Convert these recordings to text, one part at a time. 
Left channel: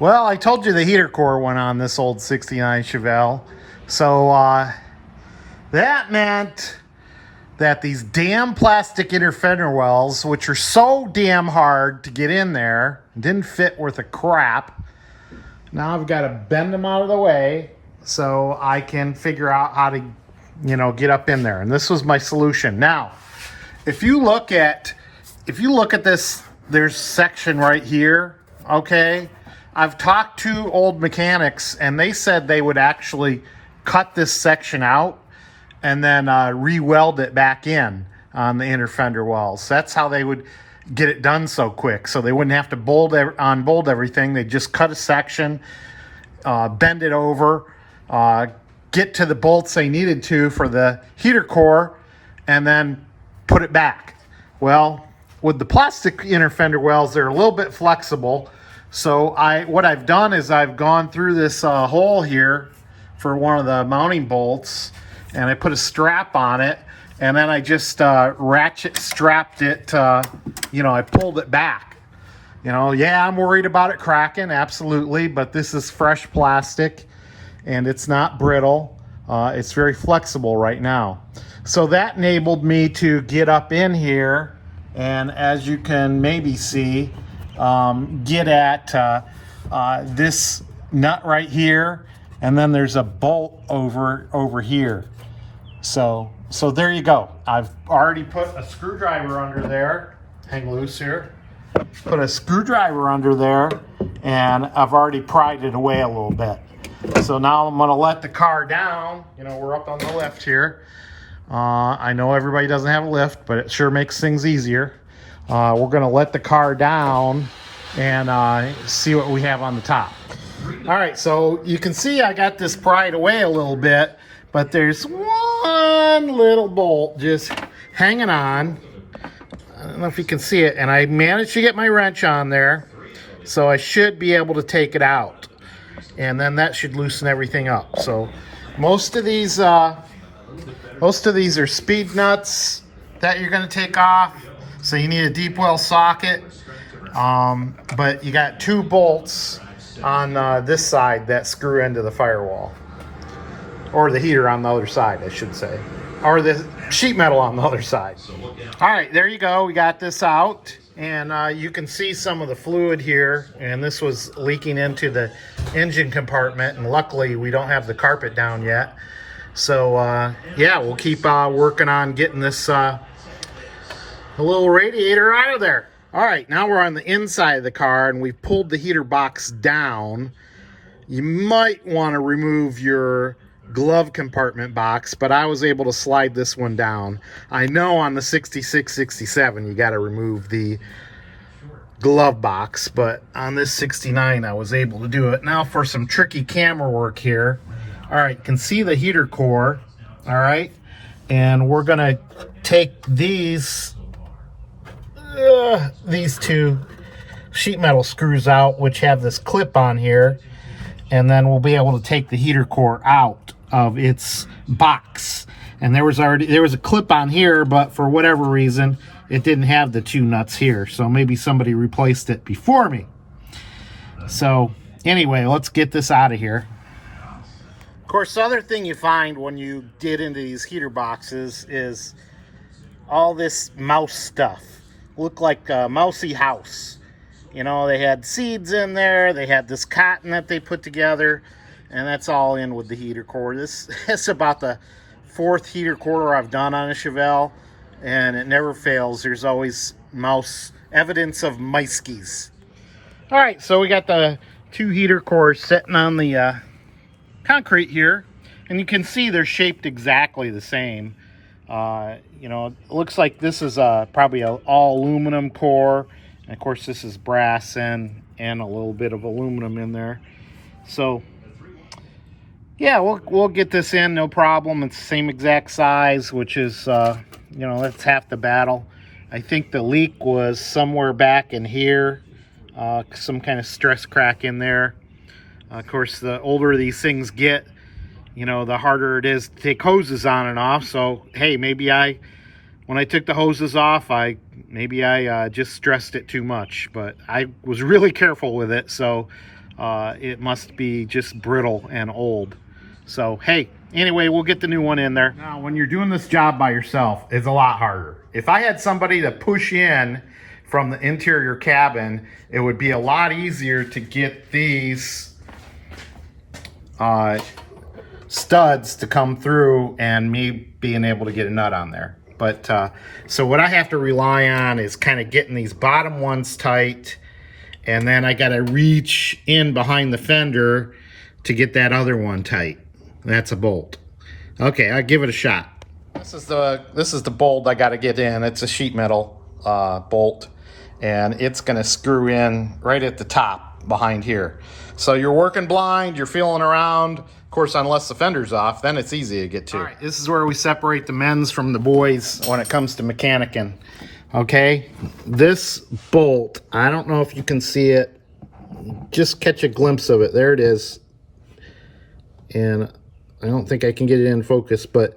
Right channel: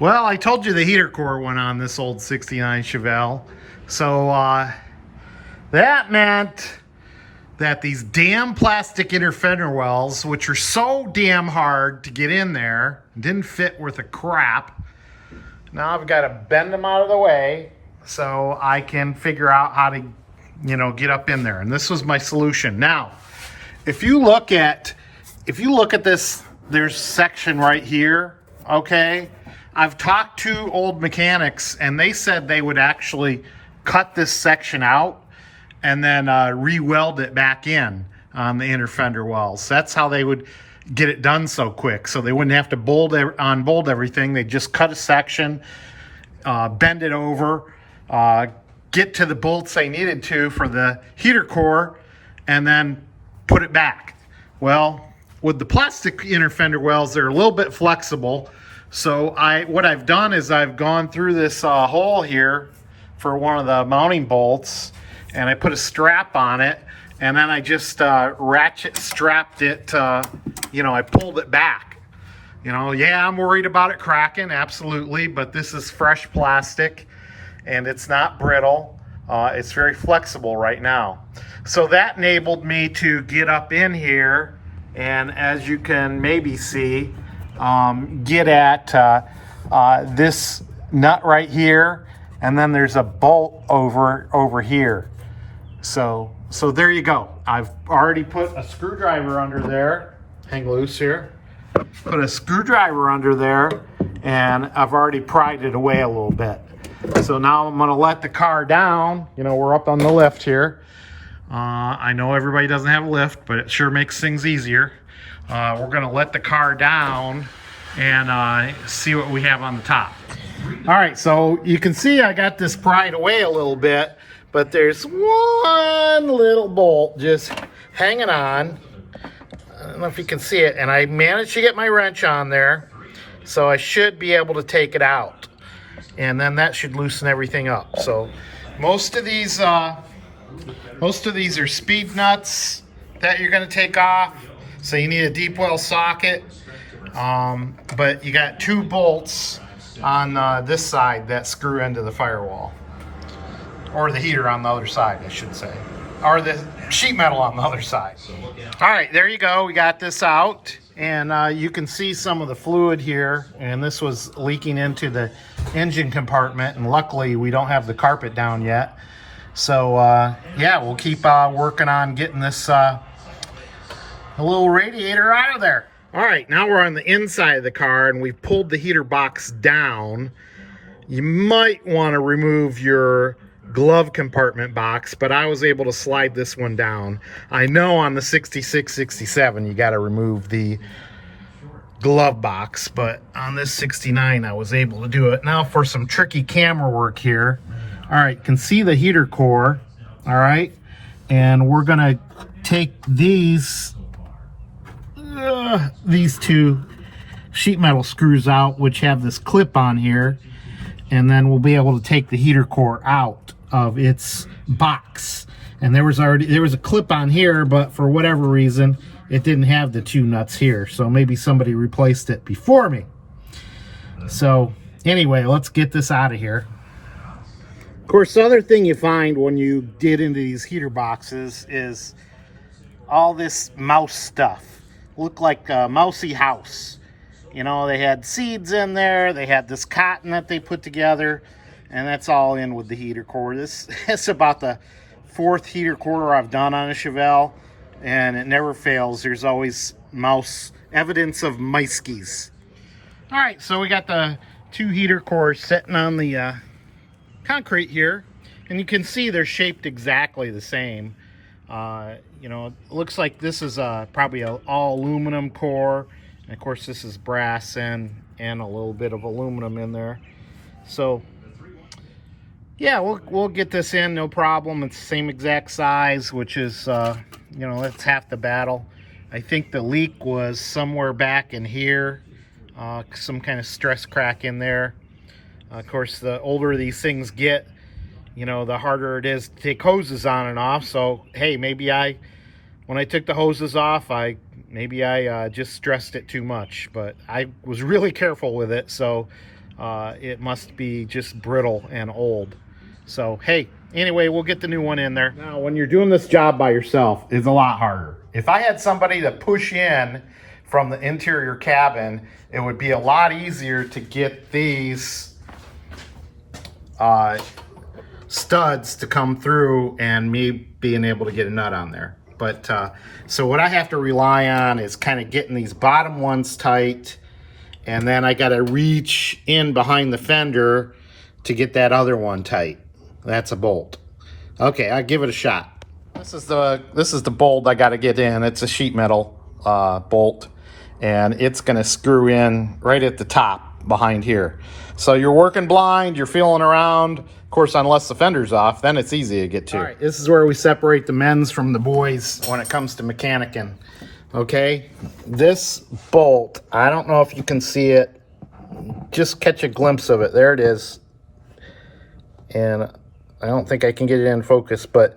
Well, I told you the heater core went on this old 69 Chevelle. So that meant that these damn plastic inner fender wells, which are so damn hard to get in there, didn't fit worth a crap. Now I've got to bend them out of the way so I can figure out how to, get up in there. And this was my solution. Now, if you look at this, there's section right here, okay? I've talked to old mechanics and they said they would actually cut this section out and then re-weld it back in on the inner fender wells. That's how they would get it done so quick. So they wouldn't have to bolt everything. They'd just cut a section, bend it over, get to the bolts they needed to for the heater core, and then put it back. Well, with the plastic inner fender wells, they're a little bit flexible. So what I've done is I've gone through this hole here for one of the mounting bolts, and I put a strap on it, and then I just ratchet strapped it, I pulled it back. Yeah, I'm worried about it cracking, absolutely, but this is fresh plastic and it's not brittle. It's very flexible right now. So that enabled me to get up in here, and as you can maybe see, get at this nut right here, and then there's a bolt over here. So there you go. I've already put a screwdriver under there. Hang loose here. Put a screwdriver under there, and I've already pried it away a little bit. So now I'm gonna let the car down. We're up on the lift here. I know everybody doesn't have a lift, but it sure makes things easier. We're gonna let the car down and see what we have on the top. All right, so you can see I got this pried away a little bit, but there's one little bolt just hanging on. I don't know if you can see it, and I managed to get my wrench on there, so I should be able to take it out, and then that should loosen everything up. So most of these are speed nuts that you're going to take off, so you need a deep well socket, but you got two bolts on this side that screw into the firewall, or the heater on the other side, I should say, or the sheet metal on the other side. All right, there you go. We got this out, and you can see some of the fluid here, and this was leaking into the engine compartment, and luckily we don't have the carpet down yet. So yeah, we'll keep working on getting this little radiator out of there. All right, now we're on the inside of the car, and we've pulled the heater box down. You might want to remove your glove compartment box, but I was able to slide this one down. I know on the 66, 67 you got to remove the glove box, but on this 69 I was able to do it. Now for some tricky camera work here. All right, you can see the heater core. All right, and we're gonna take these two sheet metal screws out, which have this clip on here, and then we'll be able to take the heater core out of its box. And there was a clip on here, but for whatever reason it didn't have the two nuts here, so maybe somebody replaced it before me. So anyway, let's get this out of here. Of course, the other thing you find when you get into these heater boxes is all this mouse stuff. Looked like a mousy house. They had seeds in there, they had this cotton that they put together, and that's all in with the heater core. This is about the fourth heater core I've done on a Chevelle, and it never fails. There's always evidence of mice-keys. All right, so we got the two heater cores sitting on the concrete here, and you can see they're shaped exactly the same. It looks like this is probably an all aluminum core, and of course this is brass and a little bit of aluminum in there. So yeah, we'll get this in, no problem. It's the same exact size, which is that's half the battle. I think the leak was somewhere back in here, some kind of stress crack in there. Of course, the older these things get, the harder it is to take hoses on and off. So hey, maybe when I took the hoses off, I just stressed it too much, but I was really careful with it. So it must be just brittle and old. So, hey, anyway, we'll get the new one in there. Now, when you're doing this job by yourself, it's a lot harder. If I had somebody to push in from the interior cabin, it would be a lot easier to get these studs to come through and me being able to get a nut on there. But so what I have to rely on is kind of getting these bottom ones tight, and then I got to reach in behind the fender to get that other one tight. That's a bolt. Okay, I'll give it a shot. This is the bolt I got to get in. It's a sheet metal bolt, and it's going to screw in right at the top behind here. So you're working blind, you're feeling around. Of course, unless the fender's off, then it's easy to get to. All right, this is where we separate the men's from the boys when it comes to mechanicking. Okay, this bolt, I don't know if you can see it. Just catch a glimpse of it. There it is. And I don't think I can get it in focus, but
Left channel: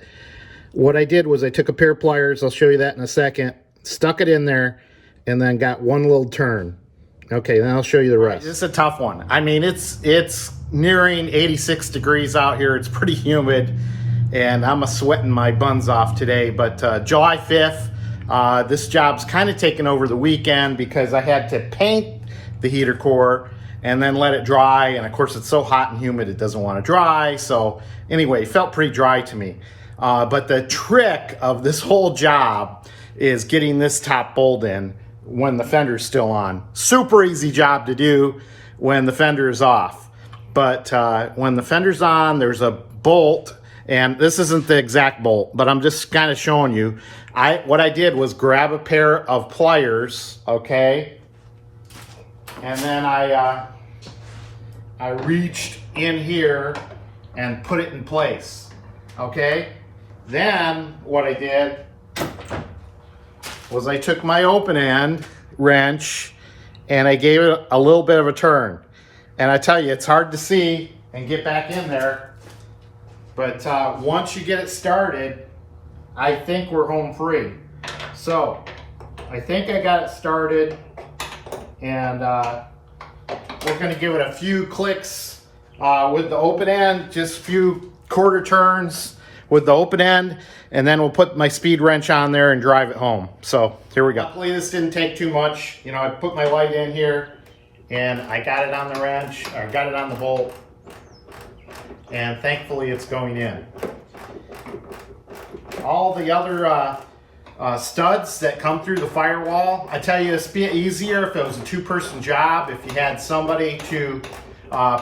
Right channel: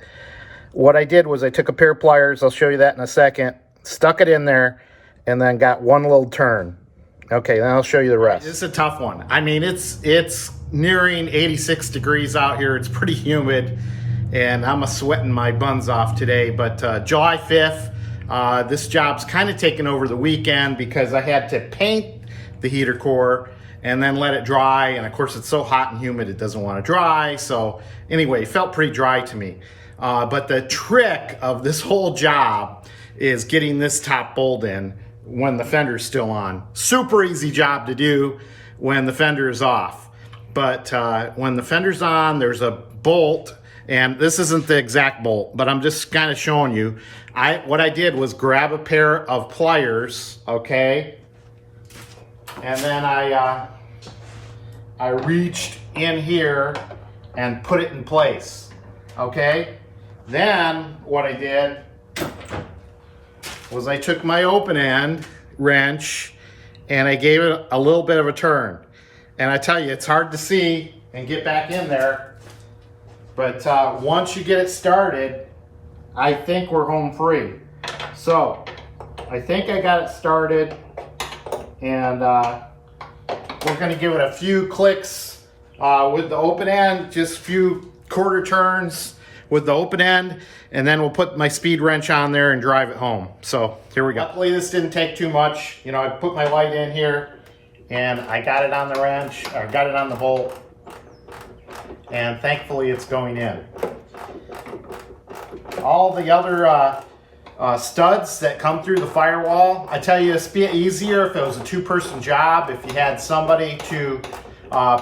what I did was I took a pair of pliers, I'll show you that in a second, stuck it in there, and then got one little turn. Okay, then I'll show you the rest. This is a tough one. I mean, it's nearing 86 degrees out here. It's pretty humid, and I'm sweating my buns off today. But July 5th, this job's kind of taken over the weekend because I had to paint the heater core and then let it dry. And of course, it's so hot and humid, it doesn't want to dry. So anyway, it felt pretty dry to me. But the trick of this whole job is getting this top bolt in when the fender's still on. Super easy job to do when the fender is off. But when the fender's on, there's a bolt, and this isn't the exact bolt, but I'm just kind of showing you. What I did was grab a pair of pliers, okay? And then I reached in here and put it in place, okay? Then what I did was I took my open end wrench and I gave it a little bit of a turn. And I tell you, it's hard to see and get back in there. But once you get it started, I think we're home free. So I think I got it started, and we're gonna give it a few clicks with the open end, just a few quarter turns with the open end, and then we'll put my speed wrench on there and drive it home. So here we go. Luckily this didn't take too much. You know, I put my light in here and I got it on the wrench, or got it on the bolt, and thankfully it's going in. All the other studs that come through the firewall, I tell you, it's be easier if it was a two-person job, if you had somebody to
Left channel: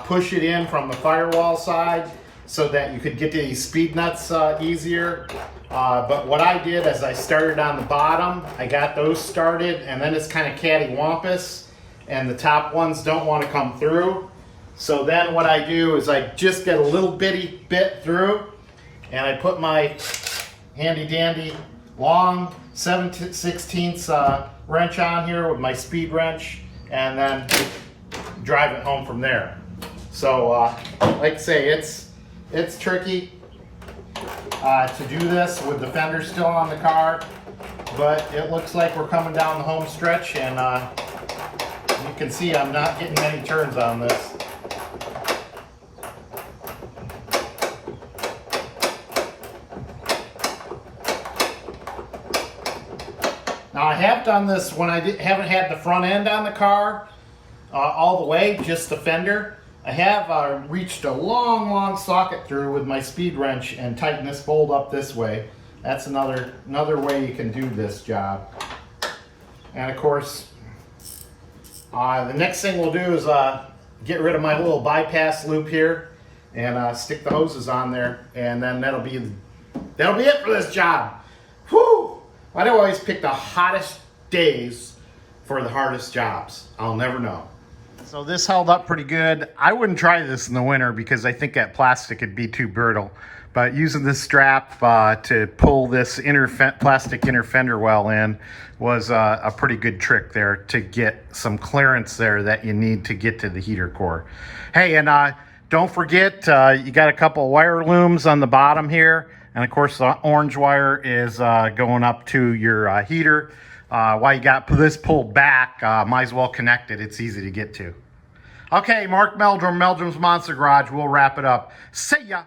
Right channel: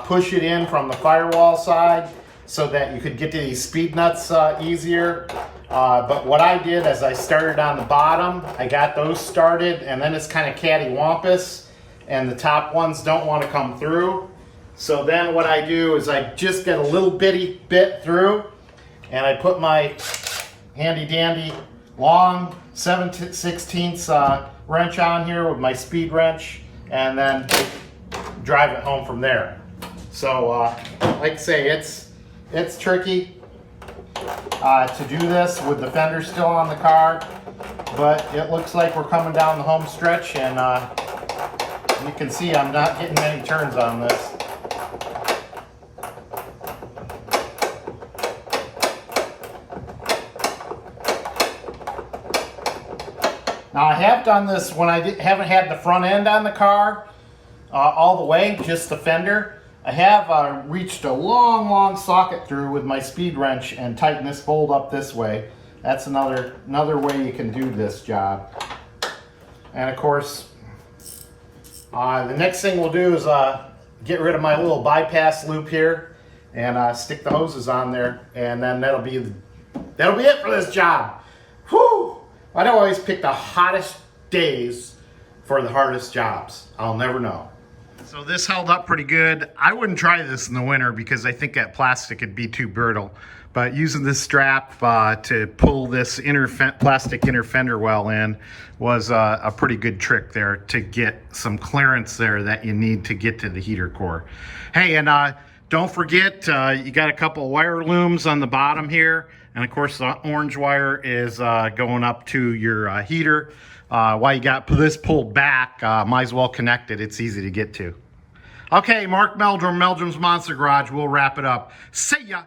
push it in from the firewall side so that you could get to these speed nuts easier. But what I did is I started on the bottom, I got those started, and then it's kind of cattywampus, and the top ones don't want to come through. So then what I do is I just get a little bitty bit through, and I put my handy dandy long 7/16 wrench on here with my speed wrench, and then drive it home from there. So like I say, it's tricky to do this with the fender still on the car, but it looks like we're coming down the home stretch, and you can see I'm not getting many turns on this. Now I have done this when I haven't had the front end on the car all the way, just the fender. I have reached a long socket through with my speed wrench and tighten this bolt up this way. That's another way you can do this job. And of course, the next thing we'll do is get rid of my little bypass loop here and stick the hoses on there, and then that'll be it for this job. Whew! I don't always pick the hottest days for the hardest jobs. I'll never know. So this held up pretty good. I wouldn't try this in the winter because I think that plastic would be too brittle. But using this strap to pull this plastic inner fender well in was a pretty good trick there to get some clearance there that you need to get to the heater core. Hey, and don't forget, you got a couple of wire looms on the bottom here. And of course, the orange wire is going up to your heater. While you got this pulled back, might as well connect it. It's easy to get to. Okay, Mark Meldrum, Meldrum's Monster Garage. We'll wrap it up. See ya.